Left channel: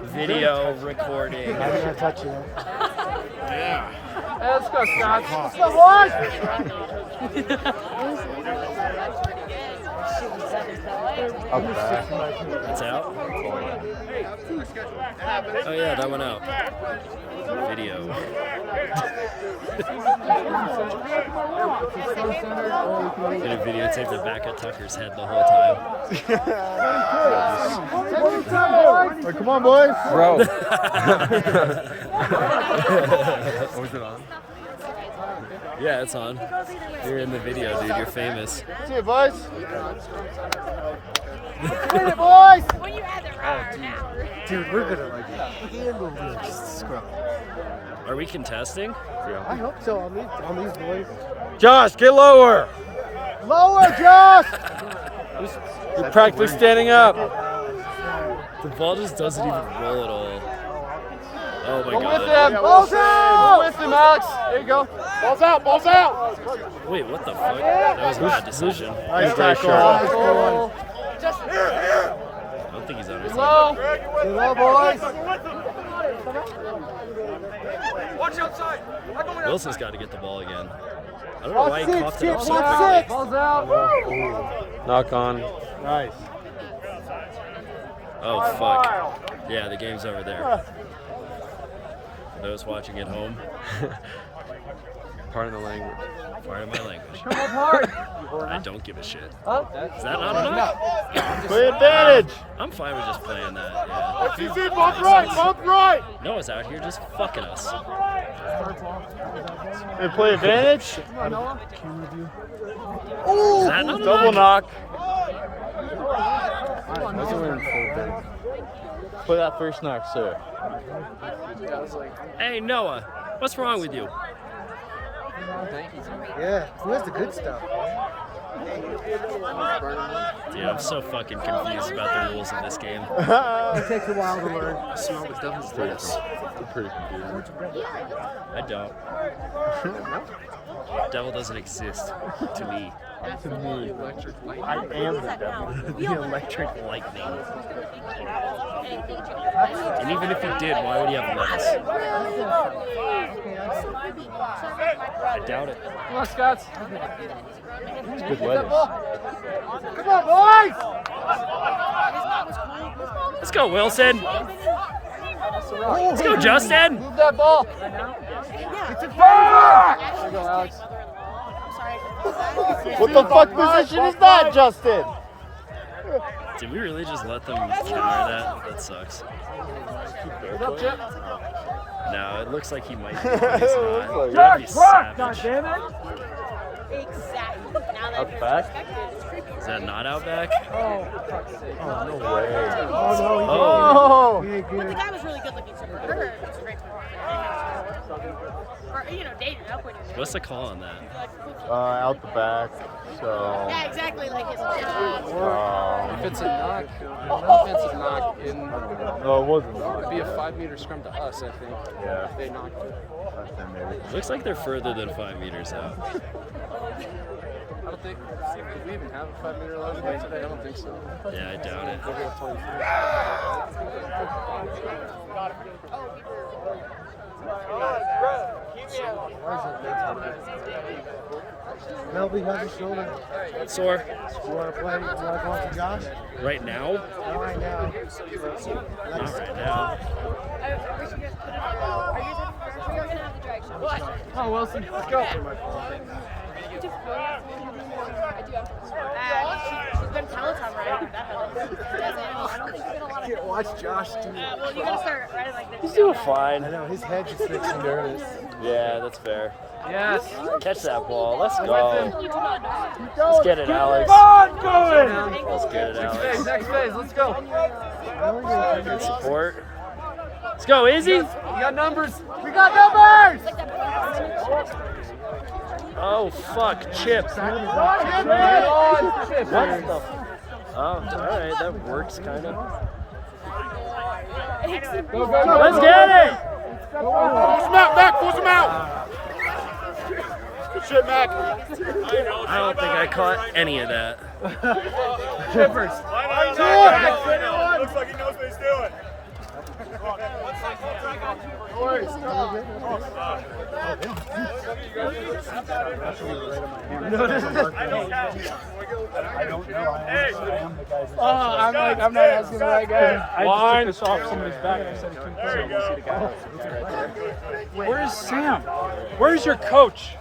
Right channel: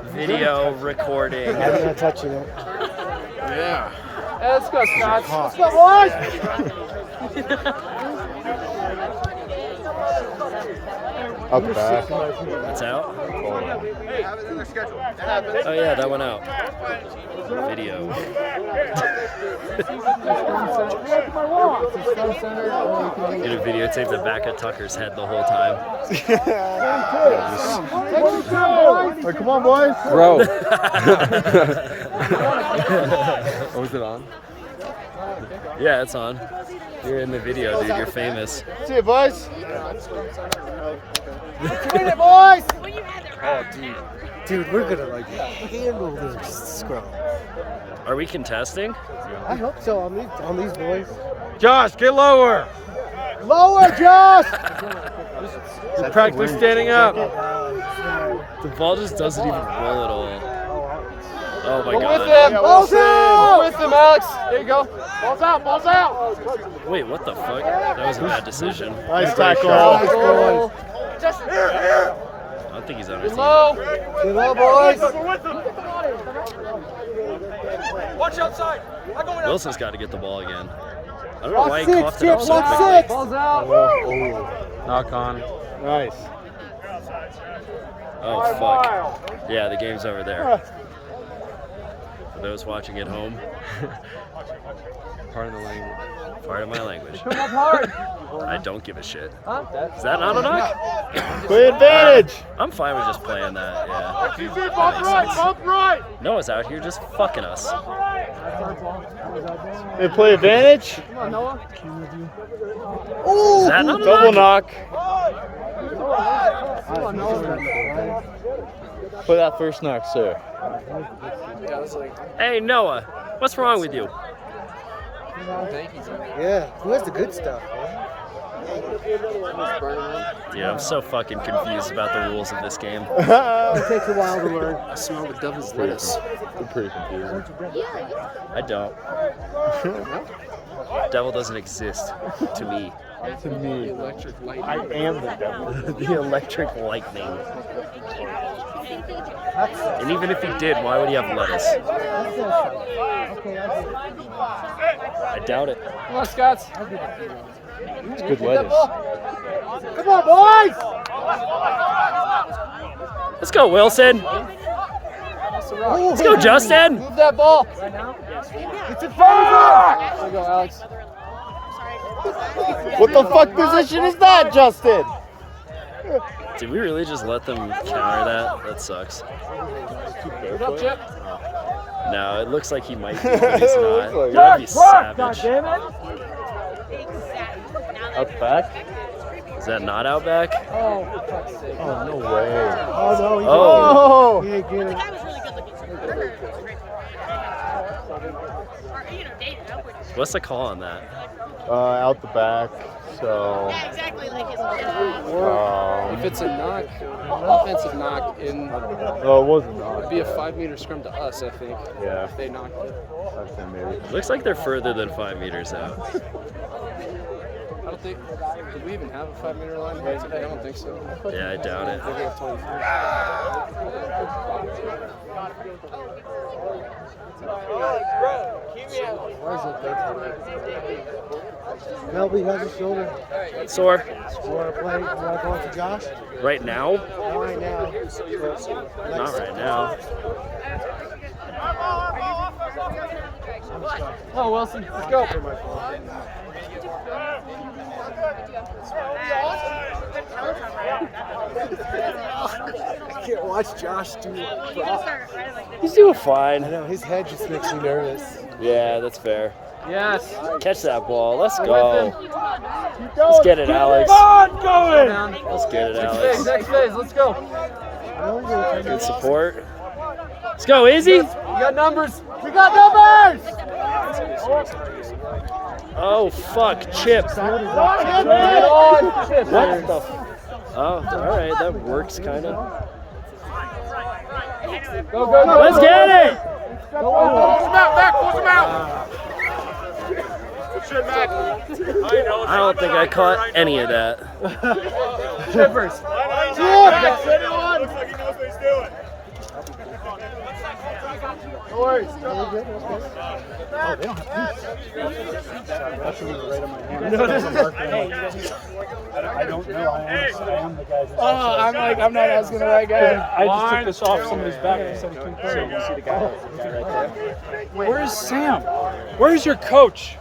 Video recording. I'm not touching it. Yeah. Hey, let's go, Scots. Let's go, Up back. That's out? Oh yeah, that went out. Video. Gonna videotape the back of Tucker's head the whole time. Oh, come on, boys. Bro. Was it on? Yeah, it's on. You're in the video, dude. You're famous. See you, boys. See you, boys. Oh, dude, we're gonna like handle this scrub. Are we contesting? I hope so. On these boys. Josh, get lower. Lower, Josh. You practice standing up. The ball just doesn't even roll at all. Oh my god. Balls out. With them, Alex. There you go. Balls out. Balls out. Wait, what the fuck? That was a bad decision. Nice tackle. I don't think he's on our team. Get low, boys. Wilson's got to get the ball again. I don't know why he coughed it up so quickly. Balls out. Knock on. Nice. Oh, fuck. Yeah, the game's over there. For those watching at home, pardon the language. Pardon my language. I don't give a shit. Is that not enough? Play advantage. I'm fine with just playing that. Yeah. Right. Noah's out here just fucking us. And play advantage. Is that not Double enough? knock. Put that first knock, sir. Hey, Noah, what's wrong with you? Yeah, who has the good stuff? Dude, I'm so fucking confused about the rules of this game. It takes a while to learn. See all the devil's this. I'm pretty confused. I don't. Devil doesn't exist to me. To me, I am the devil. The electric lightning. And even if he did, why would he have lettuce? I doubt it. Come on, Scots. it's good lettuce. Come on, boys! Let's go, Wilson. Let's go, Justin. Move that ball. It's a favor! There you go, Alex. What the fuck position is that, Justin? Did we really just let them counter that? That sucks. Good up, Chip. No, it looks like he might be, but he's not. That'd be savage. Up back? Is that not out back? Oh, no way. Oh. He ain't getting it. What's the call on that? Out the back, so... Yeah, exactly like his If it's a knock, offensive knock in, Oh, it wasn't. it'd be a 5-meter scrum to us, I think. Yeah. If they knocked it. Maybe. Looks like they're further than 5 meters out. I don't think. Did we even have a 5-meter line here today? I don't think so. Yeah, I doubt it. We have 25. Melby has a shoulder. Sore. You wanna play? You wanna go to Josh? Right now? Not right now. Not right now. Oh, Wilson, let's go. I can't watch Josh do it. He's doing I fine. know, his head just makes me nervous. Yeah, that's fair. Yes. Catch that ball. Let's go. Let's get it, Alex. Let's get it, Alex. Next phase, let's go. Good support. Let's go, Izzy. We got numbers. We got numbers! Oh, fuck. Chip. Get on. Chip. What the Oh, alright. That works, kind of. Go, go, go. Let's get it. Go, Wilson. Push him out! Good shit, Mac. I don't think I caught any of that. Chippers. Looks like he knows what he's doing. I'm not asking the right guy. I just took this off somebody's back instead of keeping you see the guy. Where's Sam? Where's your coach?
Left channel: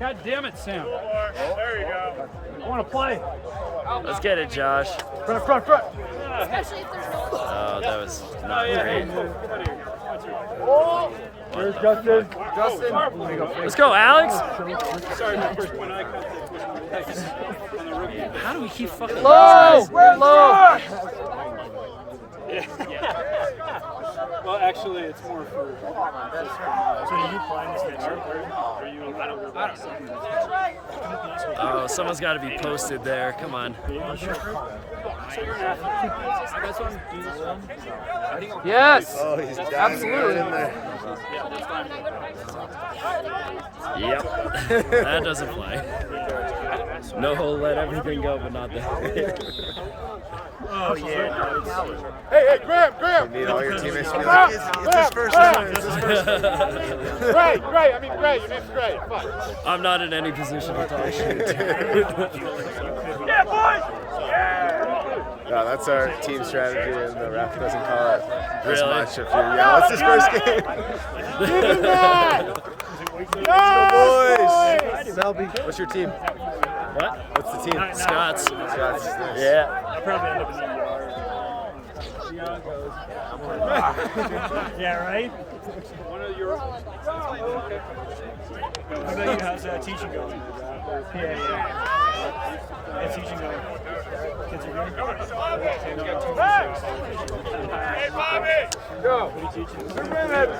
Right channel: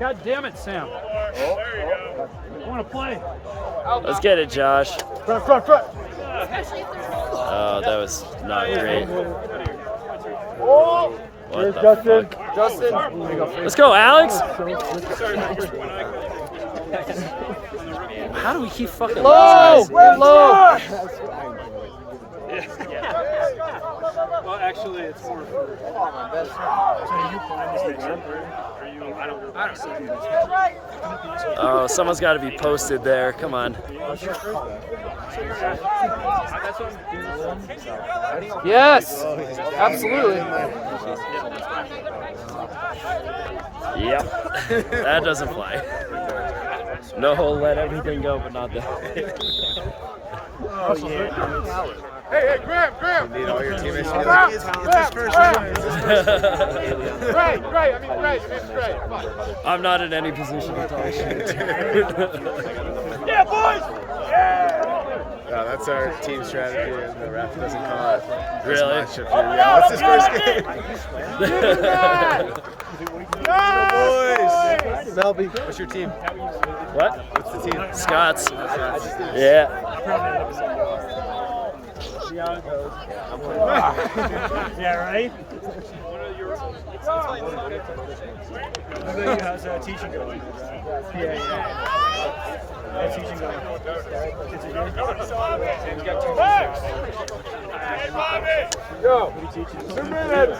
God damn it, Sam. I want to play. Let's get it, Josh. Front. Oh, that was not great. Here's Justin. Let's go, Alex. How do we keep fucking Low. Well, actually, it's more. So are you playing this next year? I don't. Oh, someone's got to be posted there. Come on. That's what I'm doing. Yes. Absolutely. Yep. That doesn't fly. No, let everything go, but not that. Oh yeah, no, it's. Hey, Graham! This first is one. Great, great. I'm not in any position to talk shit. No, that's our team strategy, and the ref doesn't call it. Really? Yeah, what's his first game? Boys! Selby, what's your team? What? What's the team? Scots. Yeah. I'll probably end up in the ER. See how it goes. Yeah, right? How about you? How's teaching going? Yeah. How's teaching going? Kids are good? Yeah, we got too many job offers. Hey, Bobby! Go! What are you teaching? 3 minutes!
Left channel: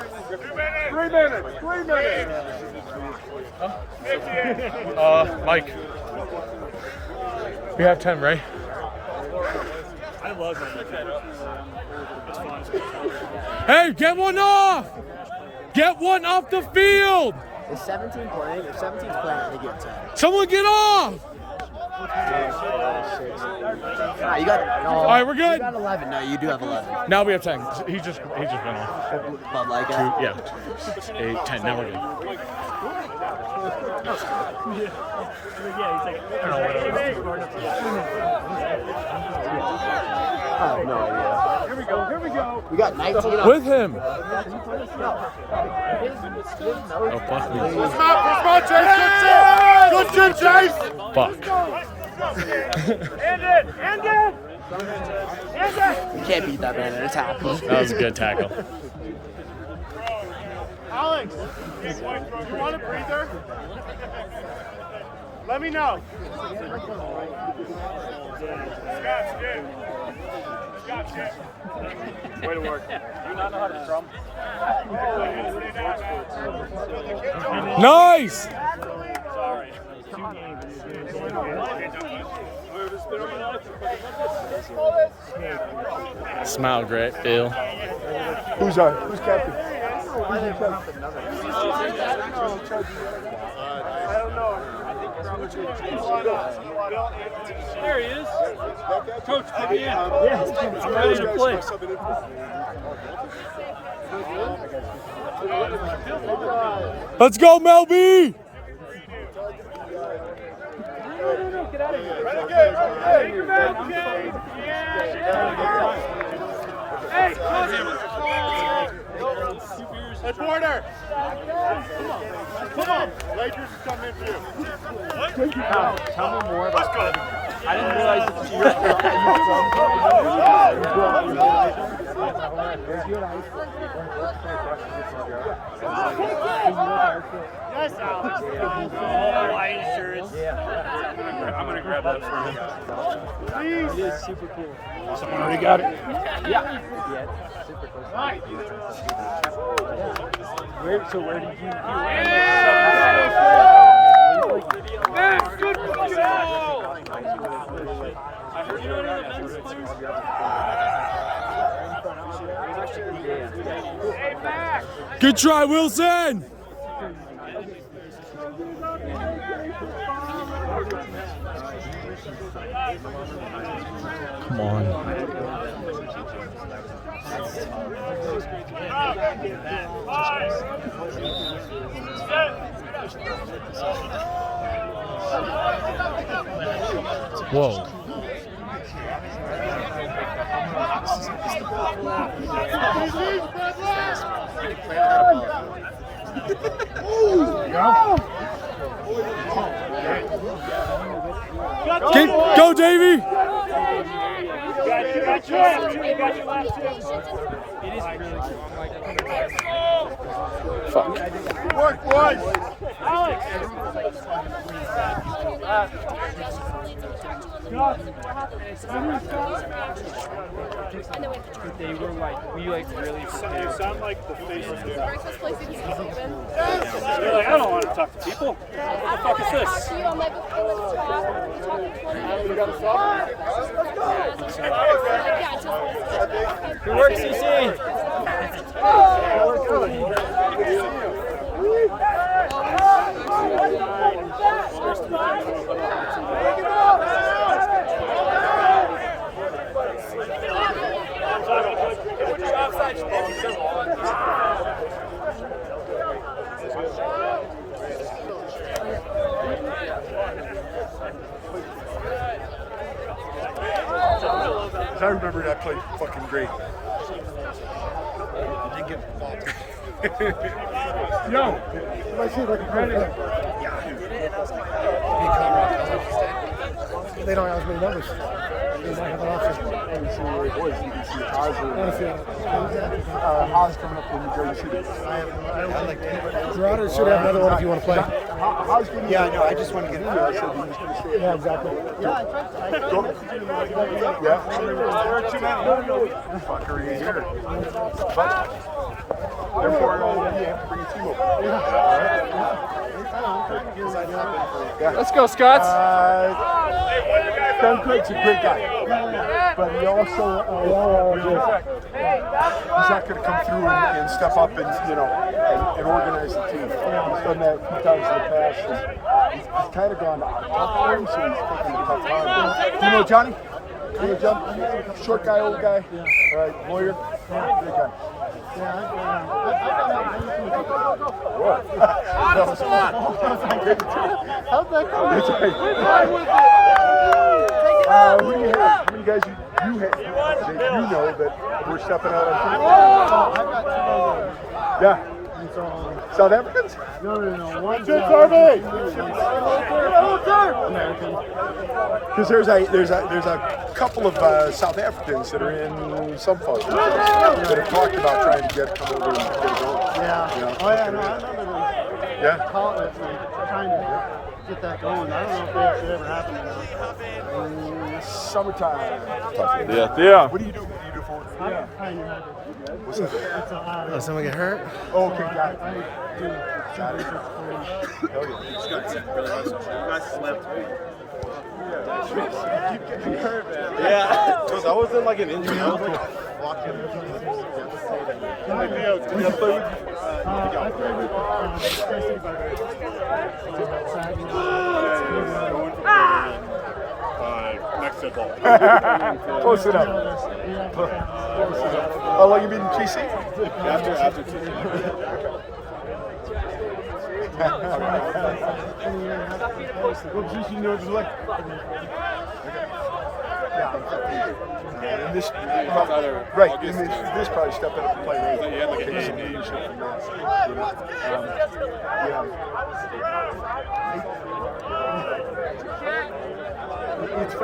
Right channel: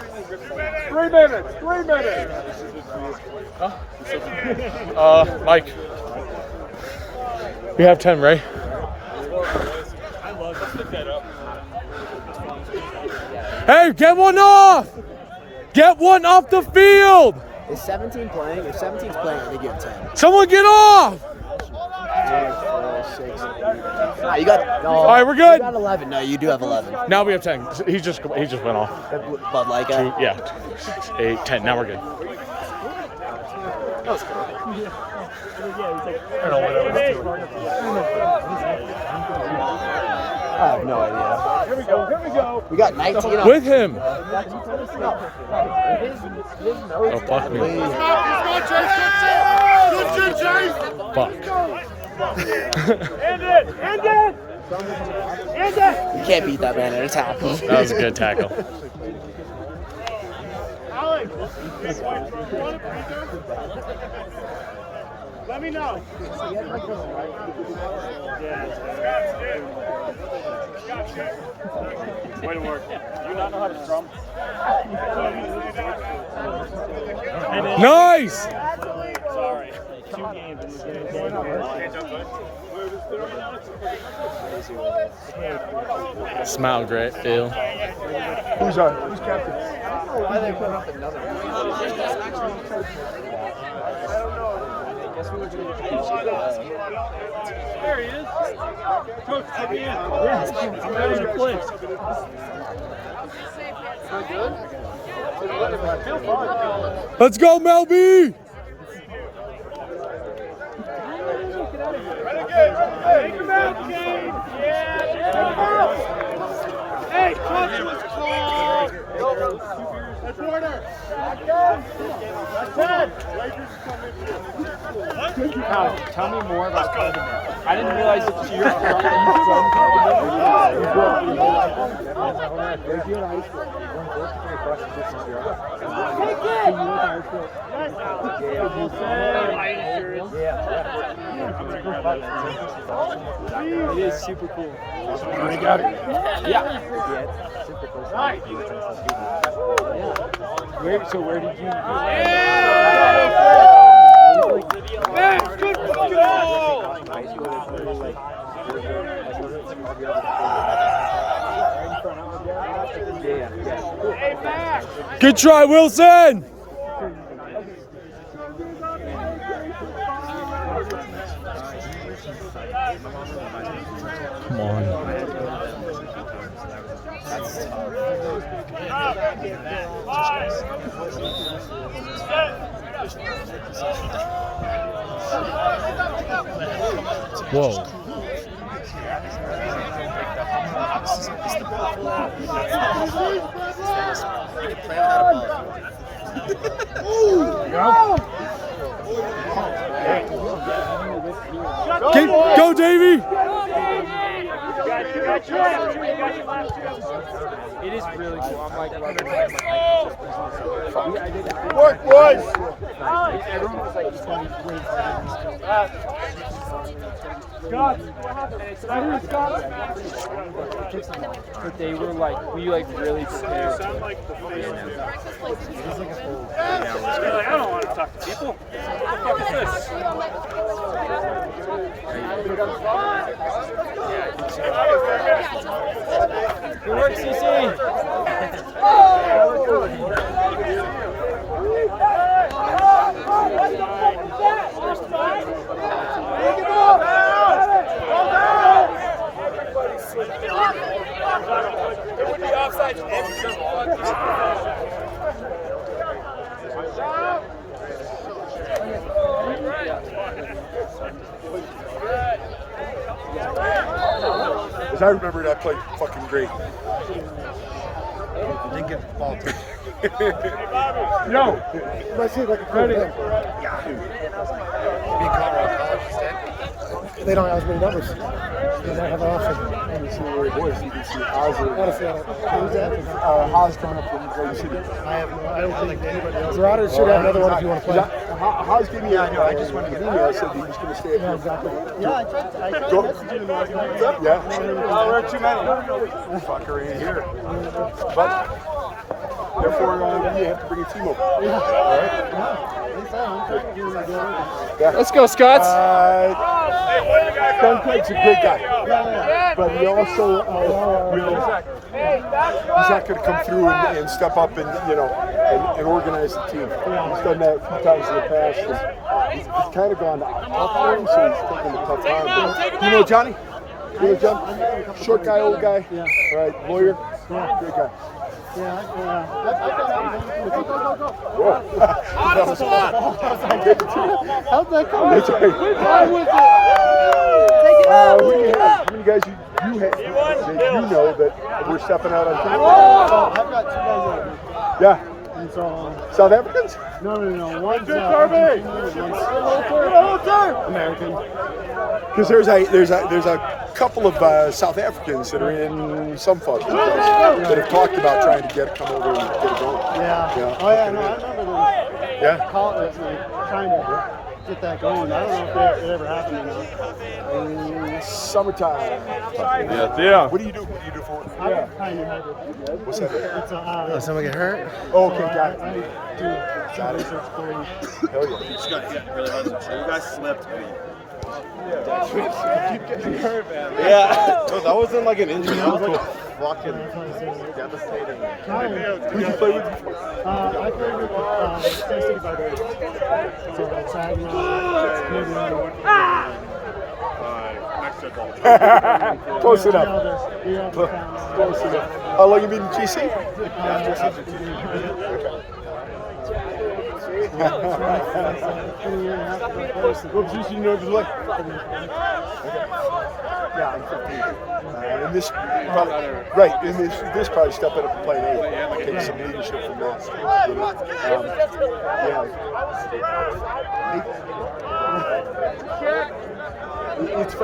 3 minutes! Mike. We have 10, right? I love that. That's fun. Hey, get one off! Get one off the field! Is 17 playing? If 17's playing, I think you have 10. Someone get off! You got. All right, we're good. You got 11. No, you do have 11. Now we have 10. He just went off. But like, 2, yeah. 8, 10. Now we're good. I have no idea. Here we go. We got 19. With him. Oh, fuck me. Let's go, Chase! Good shit, Chase! Fuck. Hand it! You can't beat that man every time. That was a good tackle. Alex, you want a breather? Let me know. Scott's good. Way to work. You not know how to drum? Nice! Smile great, Bill. Who's captain? There he is. Coach, put me in. Yeah, it's right in your place. Let's go, Melby! Hey, let's order. Tell me more. Let's go. I didn't realize that I'm going to grab that for you. It is super cool. I got it. Yeah. Where did you Good try, Wilson! Come on. Whoa. Go, Davey! It is really cool. I'm like loving it. Work, boys! Scott! I heard Scott! But they were like, we like really prepared. Sound like the face of I don't want to talk to people. What the fuck is this? Yeah, I think so. Good work, CC! As I remember it, I played fucking great. I didn't get the ball touch. No! Let's see if I can credit it. Being Colorado College instead. They don't have as many numbers. They don't have an option. You can see where it is. You can see Hauser. Honestly, I don't. Hauser coming from Garden City. Marauder should have another one if you want to play. How's getting? Yeah, I know. I just wanted to get in there. I said he was going to stay. Yeah, exactly. Yeah, I tried. Go. Yeah. We're too many. Fuckery here. Therefore, you have to bring a team over. Let's go, Scots. John Craig's a great guy, but he also he's not going to come through and step up and and organize the team. He's done that a few times in the past. And he's kind of gone up for him, so he's taking a tough time. Do you know Johnny? You know John? Short guy, old guy. Yeah. All right, lawyer. Yeah, great guy. Yeah. Whoa. How'd that come? It's okay. How many guys you have that you know that we're stepping out on team? I've got 2 Yeah. guys. South Africans? No. One's American. Because there's a couple of South Africans that are in some fun that have talked about trying to come over and get a goal. Yeah. Yeah. Trying to get that going. I don't know if that ever happened. Summertime. Yeah. What do you do? What do you do for it? Yeah. Kind of hurt. What's that? It's a Oh, someone get hurt? Oh, okay, got I it. do some basics for you. Yeah. That wasn't like an injury. I played with Tennessee Brothers. Close enough. Close enough. How long you been in GC? What position do you play? And this probably stepping up and playing 8. Take some leadership from that. It's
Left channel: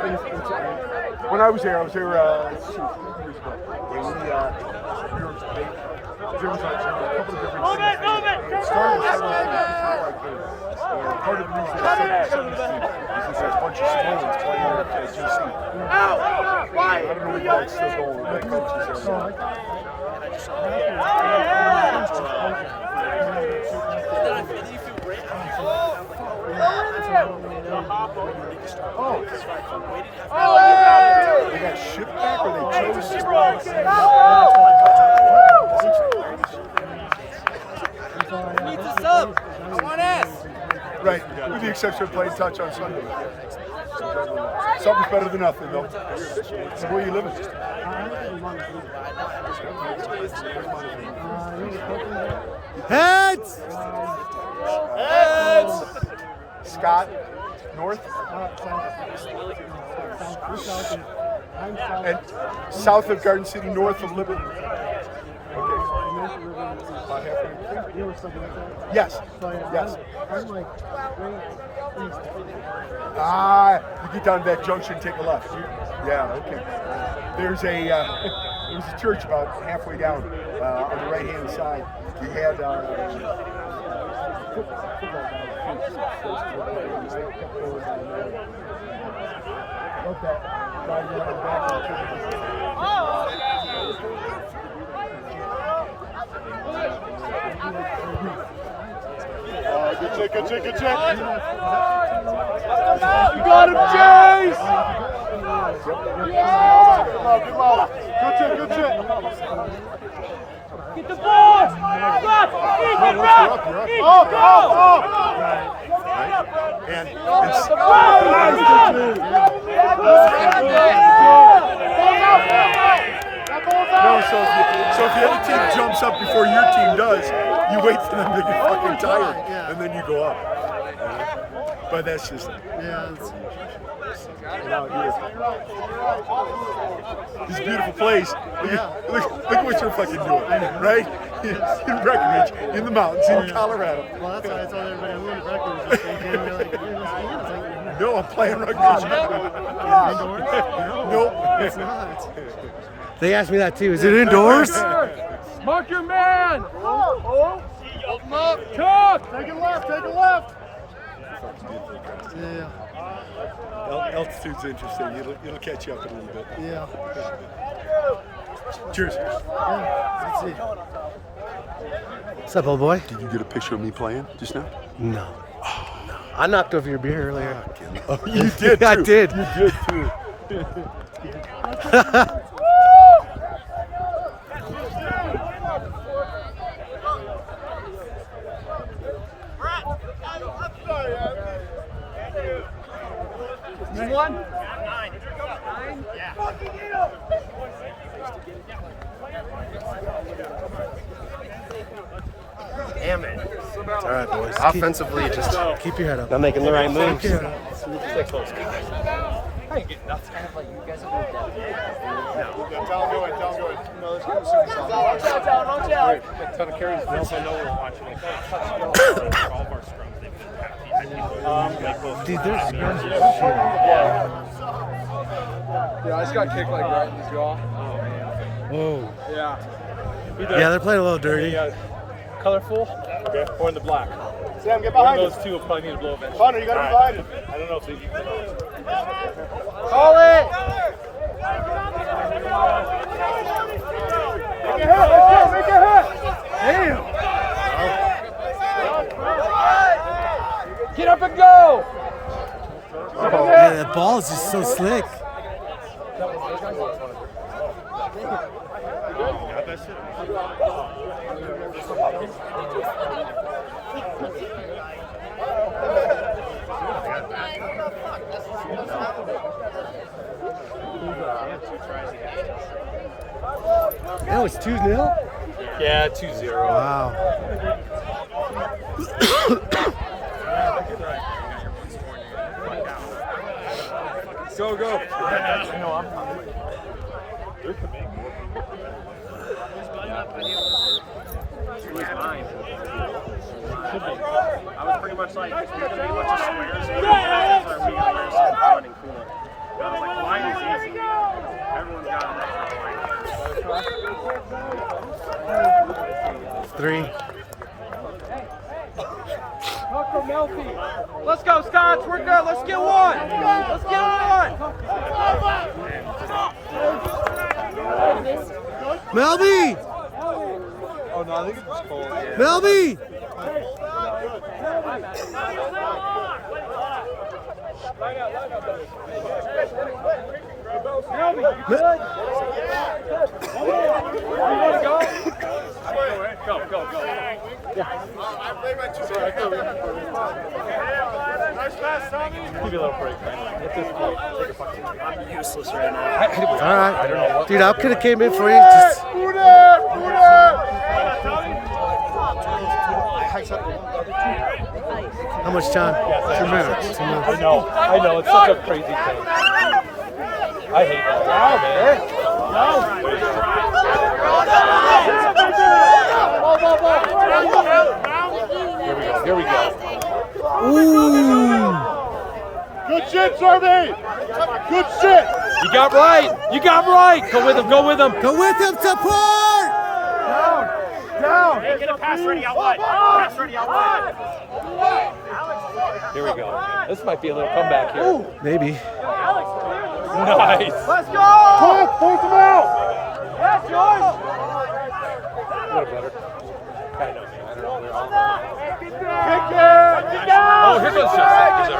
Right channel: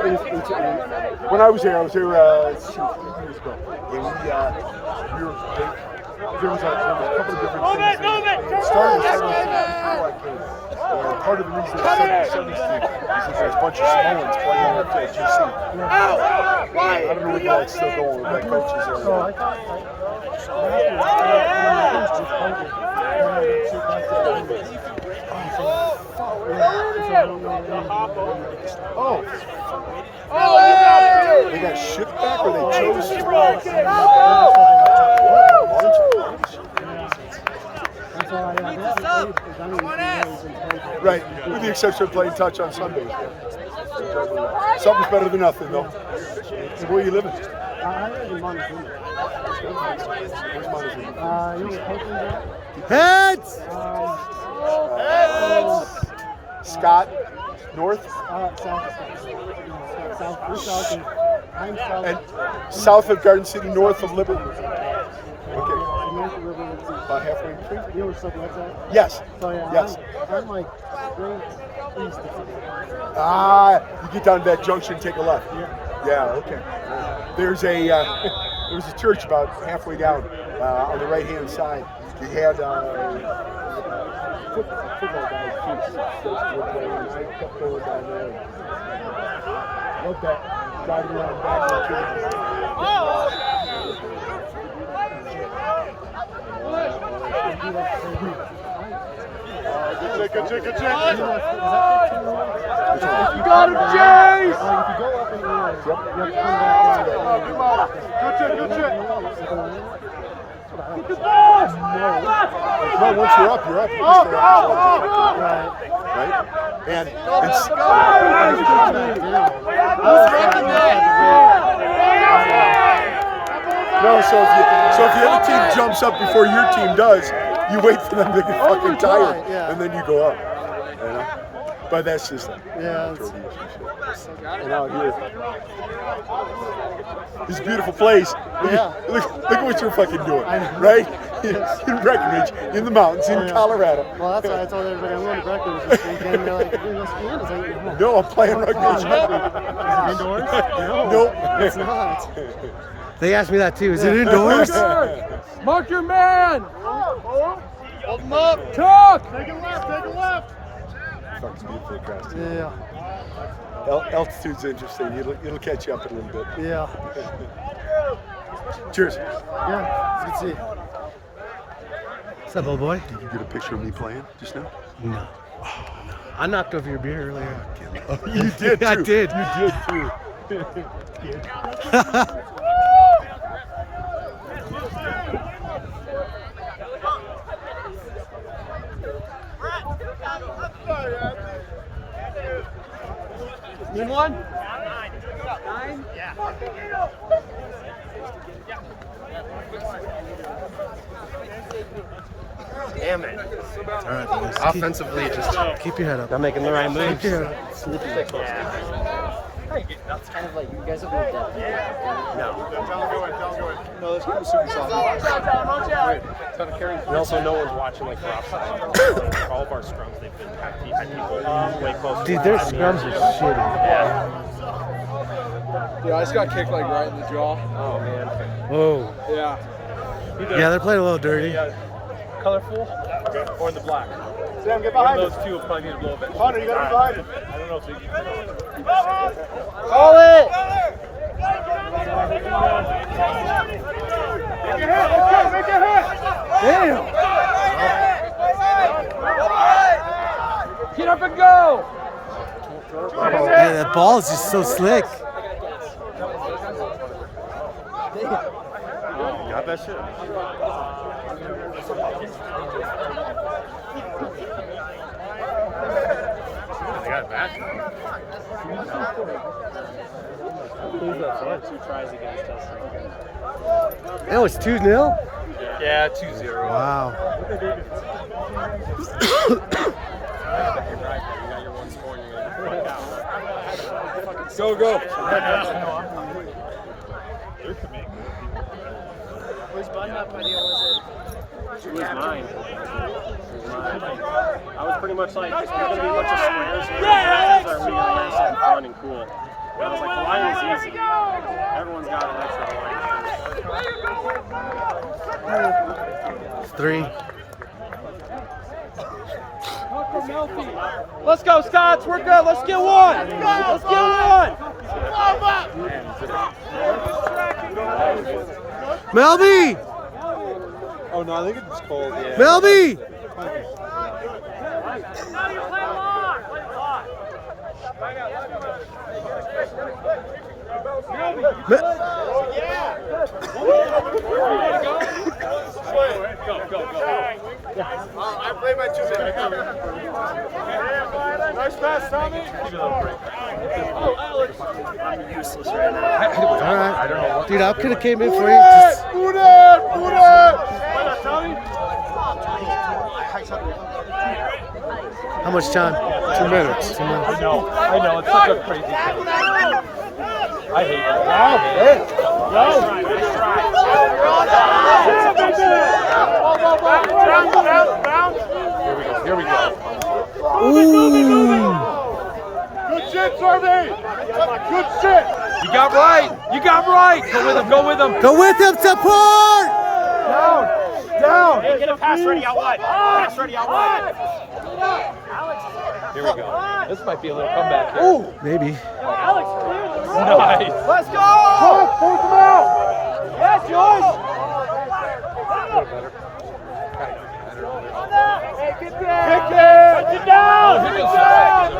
when I was there 2 years ago. And there was a couple of different things. It started with 70 before I came. And part of the reason it's 70 is there's a bunch of Samoans playing at GC. I don't know if that's still going with coaches. Oh. They got shipped back or they chose to? Right, with the exception of playing touch on Sunday. Something's better than nothing, though. So where are you living? Heads! Scott, north, and south of Garden City, north of Littleton. Okay. About halfway between? Yes. Yes. I'm like right east. You get down to that junction, take a left. Yeah, okay. There's a church about halfway down on the right-hand side. We had football guys. Good check. You got him, Jace! Good check. Get the ball! No, once you're up, you're up. You just stay up. Right? And it's... No, so if the other team jumps up before your team does, you wait for them to get fucking tired, and then you go up. But that's just and out here. This beautiful place. Look at what you're fucking doing, right? In Breckenridge, in the mountains, in Colorado. Well, that's why I told everybody I'm going to Breckenridge. They're like, you're going to go skiing? No, I'm playing rugby. Is it indoors? Nope. It's not. They asked me that too. Is it indoors? Mark your man! Talk! Take a left! Yeah. Altitude's interesting. It'll catch you up a little bit. Yeah. Cheers. Yeah. Let's see. What's up, old boy? Did you get a picture of me playing just now? No. I knocked over your beer earlier. You did too. I did. You did too. Move one? 9. Yeah. Damn it. All right, boys. Offensively, just Keep your head up. not making the right moves. Keep your head up. That's kind of like you guys have worked out. We also know we're watching like for all of our scrums. They've been way closer. Dude, their scrums are shitty. Yeah, I just got kicked like right in the jaw. Oh man. Oh. Yeah. Yeah, they're playing a little dirty. Colorful or in the black? Sam, get One behind of those two will probably need a blow bench. Connor, you got to be behind it. I don't know if they. Get up and go! Hey, that ball is just so slick. Not that shit. I got it back. That was 2-0? Yeah, 2-0. Wow. Go. They're committing. He's 9. I was pretty much like, it's going to be a bunch of screens. Nice and fun and cool. I was like, why is easy? Everyone's got an extra. 3. Let's go, Scots. We're good. Let's get one. Let's get one. Melby! Oh, no, I think it's cold. Melby! Go. I played my 2 minutes. Nice pass, Tommy. Give you a little break, man. useless right now. All right. Dude, I could have came in for you. Just... How much time? 2 minutes. 2 minutes. I know, it's such a crazy thing. I hate it. Here we go. Ooh. Good shit, Serby. Good shit. You got right. You got right. Go with him. Go with him. Go with him, support! Down. Hey, get a pass ready out wide. Pass ready out wide. Here we go. This might be a little comeback here. Maybe. Nice. Let's go! Talk, force him out. Yeah, George! Oh, here goes Justin.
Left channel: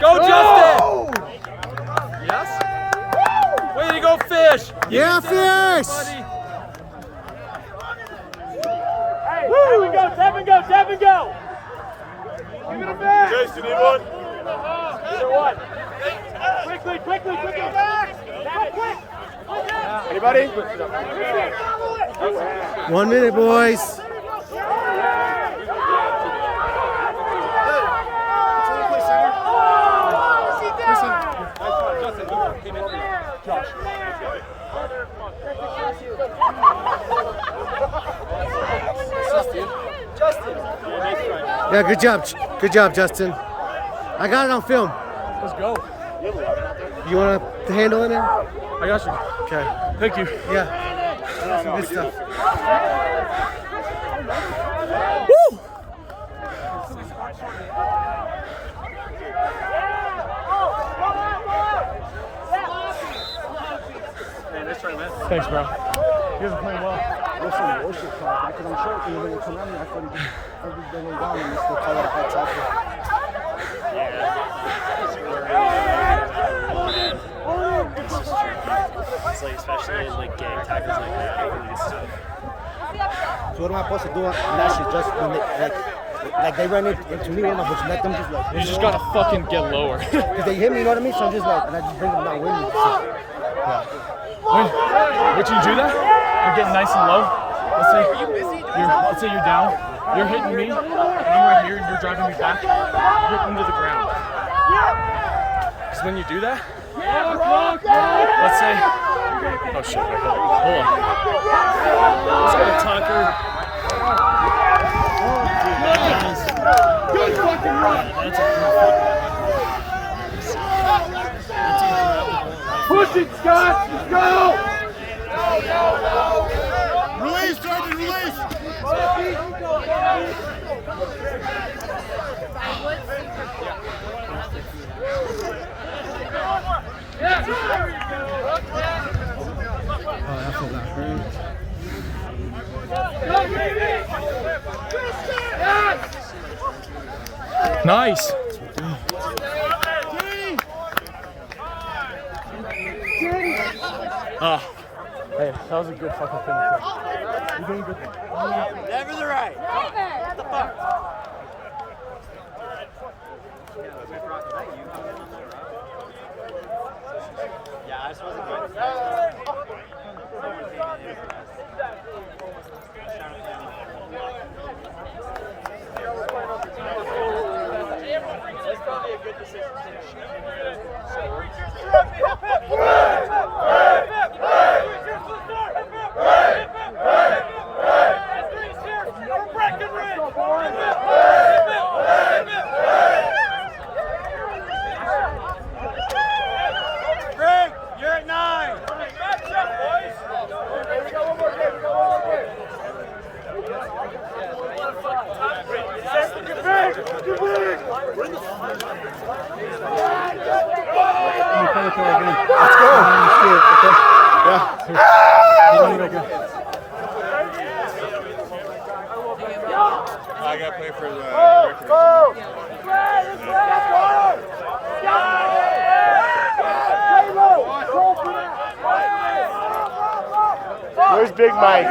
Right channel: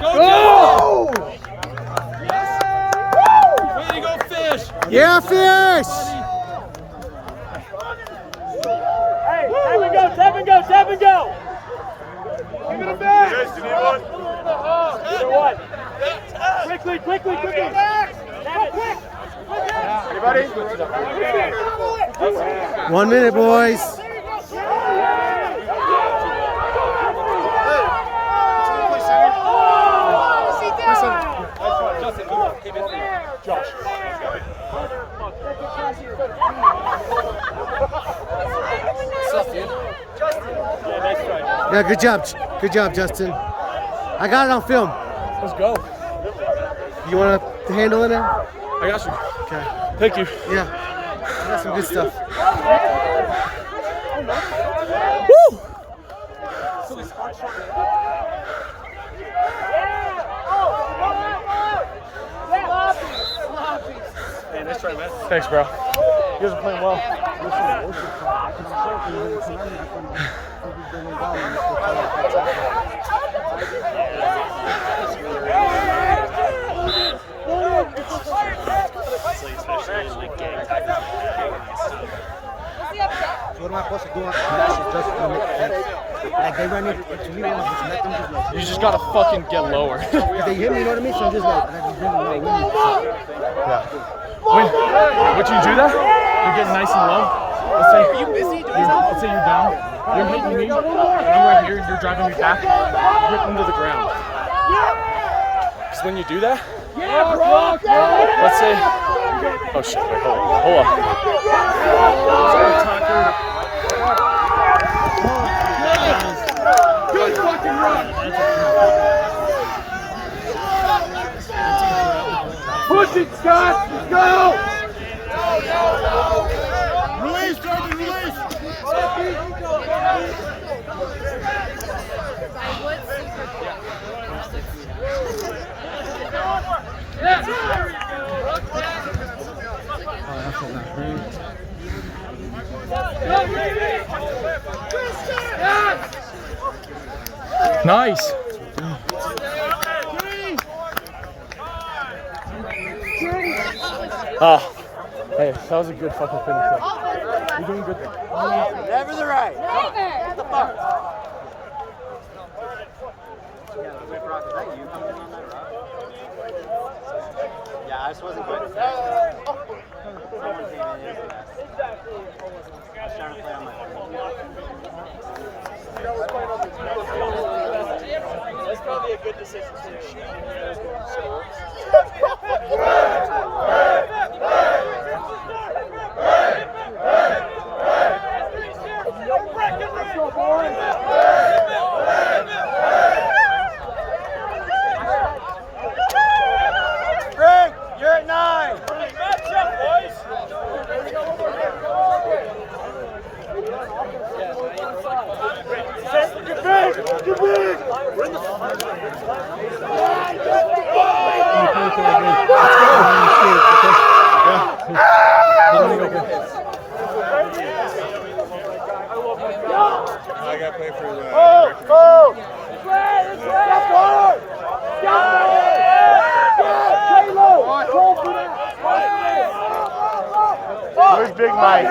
Go, Justin! Yes? Way to go, Fish! Yeah, Fish! Hey, there we go, tap and go, tap and go! Give it a back! Jason, you good? Quickly, quickly, quickly! Quick! Anybody? 1 minute, boys. Someone play center? Play center. Josh. Yeah, good job. Good job, Justin. I got it on film. Let's go. You want to handle it now? I got you. Okay. Thank you. Yeah. I got some good stuff. Woo! Hey, nice try, man. Thanks, bro. You guys are playing well. It's like, especially like getting tackles and stuff. So what am I supposed to do? And actually just like they run into me, I'm just let them just like. You just gotta fucking get lower. Cause they hit me, you know what I mean? So I'm just like, and I just bring them out with me. Yeah. When you do that, you're getting nice and low. Let's say you're down. You're hitting me, and I'm right here. You're driving me back. You're into the ground. So when you do that, let's say, oh shit! Wait, hold on. Let's go tackle. Good fucking run! Push it, Scott. Let's go. Release, Jordan, release! Nice. Oh. Hey, that was a good fucking finish. You're doing good there. Never the right. What the fuck? Yeah, I just wasn't good. That's probably a good decision. Greg, you're at 9. Let's go! Okay. Yeah. Hold on to that guy. I gotta play for the recreation. There's Big Mike.